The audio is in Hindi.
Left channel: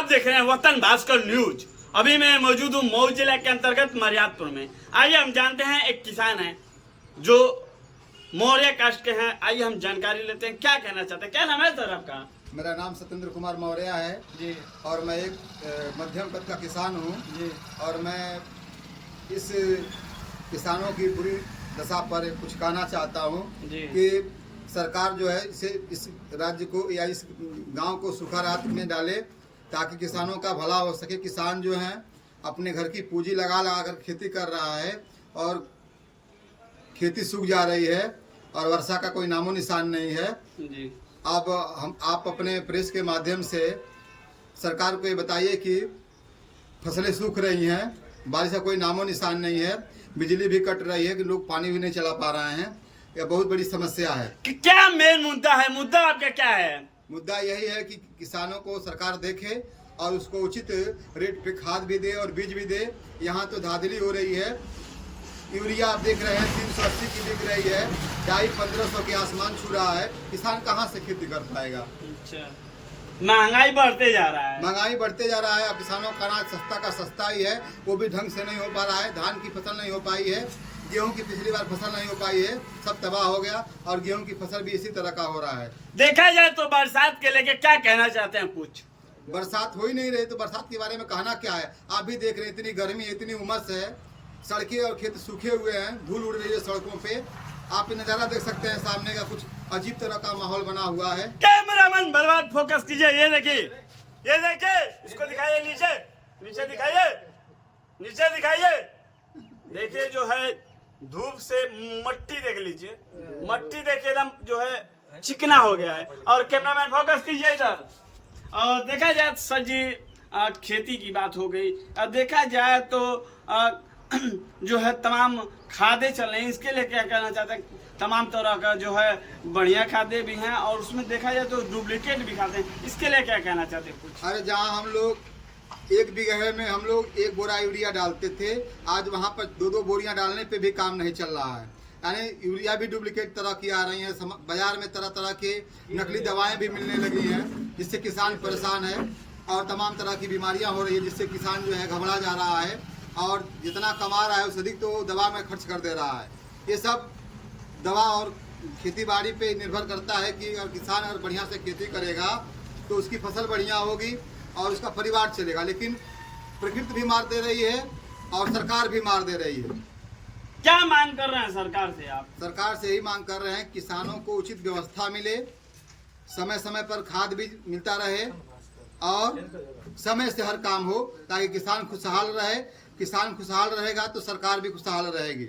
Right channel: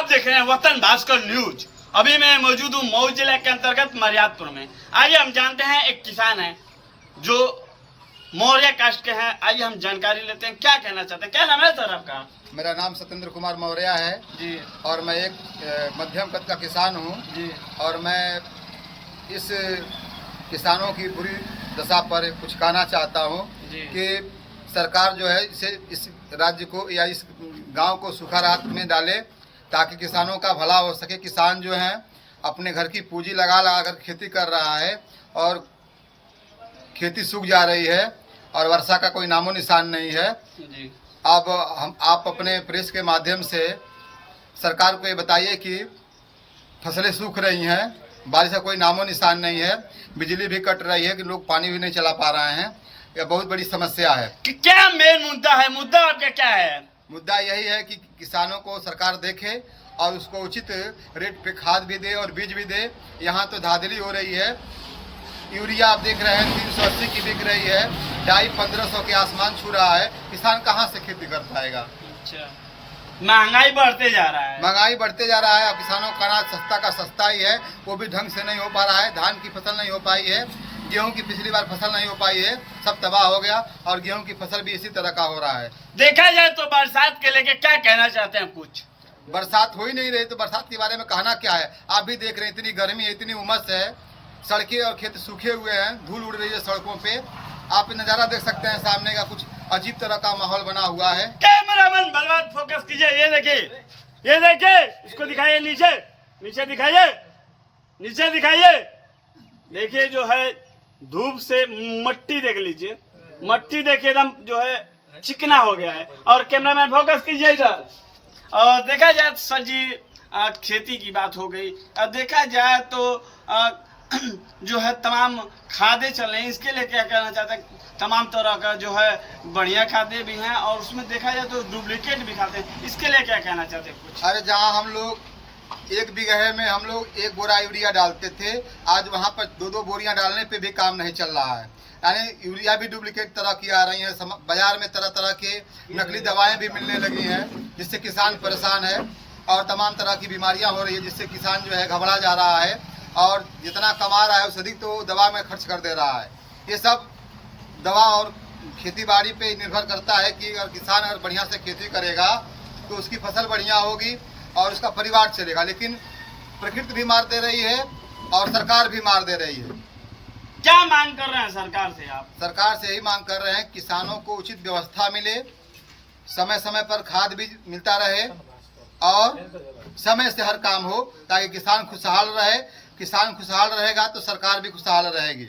आप देख रहे हैं वतन भास्कर न्यूज। अभी मैं मौजूद हूँ मऊ जिले के अंतर्गत मर्यादपुर में। आइए हम जानते हैं, एक किसान है जो मौर्य कास्ट के हैं। आइए हम जानकारी लेते हैं, क्या कहना चाहते हैं। क्या नाम है सर आपका? मेरा नाम सत्येंद्र कुमार मौर्य है जी। और मैं एक मध्यम कद का किसान हूँ जी। और मैं इस किसानों की बुरी दशा पर कुछ कहना चाहता हूँ कि सरकार जो है इस राज्य को या इस गांव को सूखा राहत में डाले ताकि किसानों का भला हो सके। किसान जो है अपने घर की पूंजी लगा कर खेती कर रहा है और खेती सूख जा रही है और वर्षा का कोई नामो निशान नहीं है। जी। अब आप अपने प्रेस के माध्यम से सरकार को ये बताइए कि फसलें सूख रही हैं, बारिश का कोई नामो निशान नहीं है, बिजली भी कट रही है कि लोग पानी भी नहीं चला पा रहे हैं। यह बहुत बड़ी समस्या है। क्या मेन मुद्दा है? मुद्दा आपका क्या है? मुद्दा यही है कि किसानों को सरकार देखे और उसको उचित रेट पे खाद भी दे और बीज भी दे। यहाँ तो धांधली हो रही है। यूरिया आप देख रहे हैं 380 की बिक रही है, डाई 1500 के आसमान छू रहा है। किसान कहाँ से खेती कर पाएगा? अच्छा, महंगाई बढ़ते जा रहा है। महंगाई बढ़ते जा रहा है। अब किसानों का अनाज सस्ता का सस्ता ही है, वो भी ढंग से नहीं हो पा रहा है। धान की फसल नहीं हो पाई है, गेहूं की पिछली बार फसल नहीं हो पाई है, सब तबाह हो गया और गेहूं की फसल भी इसी तरह का हो रहा है। देखा जाए तो बरसात के लेके क्या कहना चाहते हैं कुछ? बरसात हो ही नहीं रही तो बरसात के बारे में कहना क्या है? आप भी देख रहे हैं, इतनी गर्मी है, इतनी उमस है, सड़कें और खेत सूखे हुए हैं, धूल उड़ रही है सड़कों पे। आप नज़ारा देख सकते हैं, सामने का कुछ अजीब तरह का माहौल बना हुआ है। कैमरामैन बर्बाद फोकस कीजिए। ये देखिए, ये देखिए, इसको दिखाइए, नीचे नीचे दिखाइए, नीचे दिखाइए। देखिए जो है धूप से मट्टी देख लीजिए, मट्टी देखिए एकदम जो है चिकना हो गया है। और कैमरामैन फोकस कीजिए इधर। और देखा जाए सर जी, खेती की बात हो गई। अब देखा जाए तो जो है तमाम खादें चल रही हैं, इसके लिए क्या कहना चाहते हैं? तमाम तरह का जो है बढ़िया खादें भी हैं और उसमें देखा जाए तो डुप्लीकेट भी खाते हैं, इसके लिए क्या कहना चाहते हैं कुछ? अरे जहाँ हम लोग 1 बीघे में हम लोग 1 बोरा यूरिया डालते थे, आज वहाँ पर 2-2 बोरियाँ डालने पे भी काम नहीं चल रहा है। यानी यूरिया भी डुप्लीकेट तरह की आ रही है। बाजार में तरह तरह के नकली दवाएं भी मिलने लगी हैं, जिससे किसान परेशान है और तमाम तरह की बीमारियां हो रही है, जिससे किसान जो है घबरा जा रहा है और जितना कमा रहा है उससे अधिक तो दवा में खर्च कर दे रहा है। ये सब दवा और खेती बाड़ी पे निर्भर करता है कि अगर किसान अगर बढ़िया से खेती करेगा तो उसकी फसल बढ़िया होगी और उसका परिवार चलेगा। लेकिन प्रकृति भी मार दे रही है और सरकार भी मार दे रही है। क्या मांग कर रहे हैं सरकार से आप? सरकार से यही मांग कर रहे हैं, किसानों को उचित व्यवस्था मिले, समय समय पर खाद भी मिलता रहे और समय से हर काम हो ताकि किसान खुशहाल रहे। किसान खुशहाल रहेगा तो सरकार भी खुशहाल रहेगी।